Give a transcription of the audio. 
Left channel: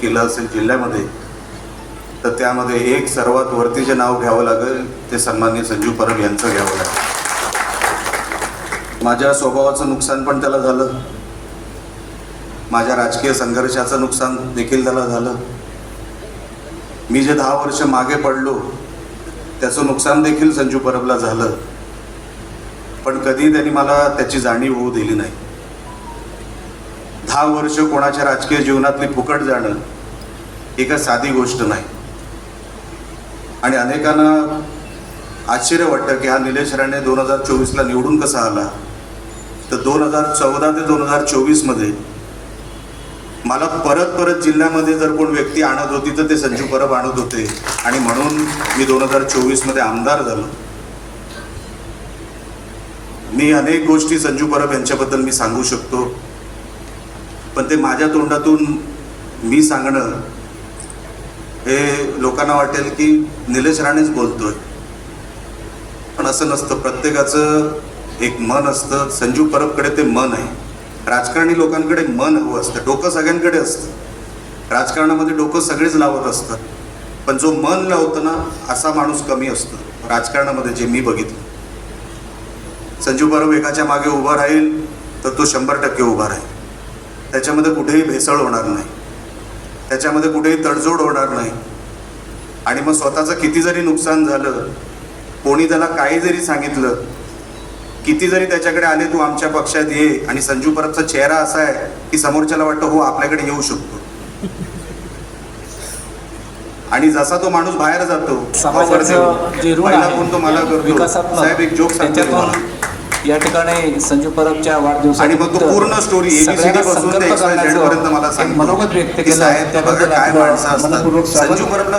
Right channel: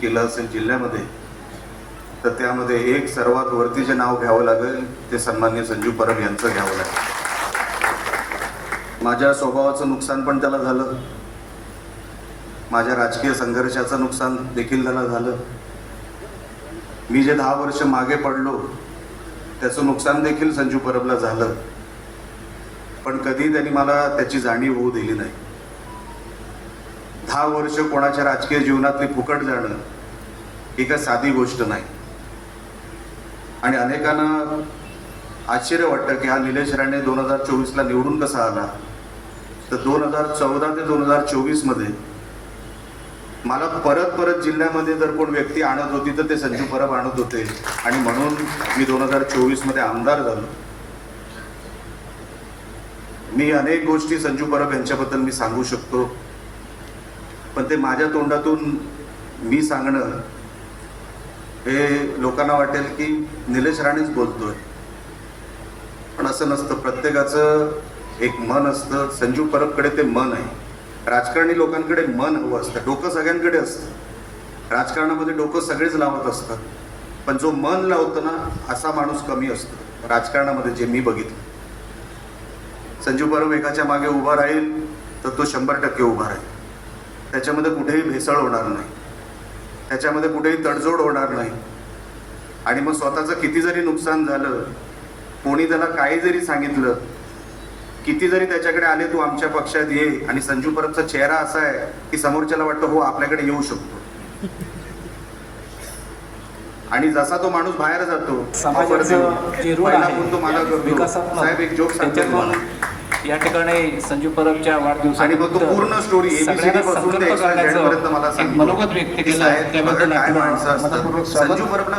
केलं असेल जिल्ह्यामध्ये तर त्यामध्ये एक सर्वात वरती जे नाव घ्यावं लागेल ते सन्माननीय संजू परब यांचं घ्यावं लागेल. माझ्या स्वभावाचं नुकसान पण त्याला झालं, माझ्या राजकीय संघर्षाचं नुकसान देखील त्याला झालं. मी जे 10 वर्ष मागे पडलो त्याचं नुकसान देखील संजू परबला झालं, पण कधी त्यांनी मला त्याची जाणीव होऊ दिली नाही. 10 वर्ष कोणाच्या राजकीय जीवनातली फुकट जाणं ही काय साधी गोष्ट नाही. आणि अनेकांना आश्चर्य वाटतं की हा निलेश राणे 2024ला निवडून कसा आला. तर 2014 ते 2024 मध्ये मला परत परत जिल्ह्यामध्ये जर कोण व्यक्ती आणत होती तर ते संजू परब आणत होते, आणि म्हणून मी 2024 मध्ये आमदार झालो. मी अनेक गोष्टी संजू परब यांच्याबद्दल मी सांगू शकतो, पण ते माझ्या तोंडातून मी सांगणं हे लोकांना वाटेल की निलेश राणेच बोलतोय, पण असं नसतं. प्रत्येकाचं एक मन असतं. संजू परबकडे ते मन आहे. राजकारणी लोकांकडे मन हवं असतं, डोकं सगळ्यांकडे असतं. राजकारणामध्ये डोकं सगळेच लावत असतात, पण जो मन लावतं ना असा माणूस कमी असतो राजकारणामध्ये, जे मी बघितलं. संजू परब एकाच्या मागे उभा राहील तर तो 100% उभा राहील. त्याच्यामध्ये कुठेही भेसळ होणार नाही, त्याच्यामध्ये कुठेही तडजोड होणार नाही. आणि मग स्वतःचं किती जरी नुकसान झालं, कोणी त्याला काही जरी सांगितलं, किती जरी त्याच्याकडे आले तू आमच्या पक्षात ये, आणि संजू परबचा चेहरा असा आहे की समोरच्याला वाटतं हो आपल्याकडे येऊ शकतो. आणि जसा तो माणूस बाहेर जातो पहिला फोन तो मला करतो, साहेब एक जोक सांगतो तुम्हाला. या ठिकाणी संजू परबच्या वाढदिवसात आणि मग तो पूर्ण स्टोरी एबीसीडी पासून ते एक्स वाय झेड पर्यंत मला सांगतो. मनोगत व्यक्त केलं. साहेब बघा काय माणसं असतात. संजू परबला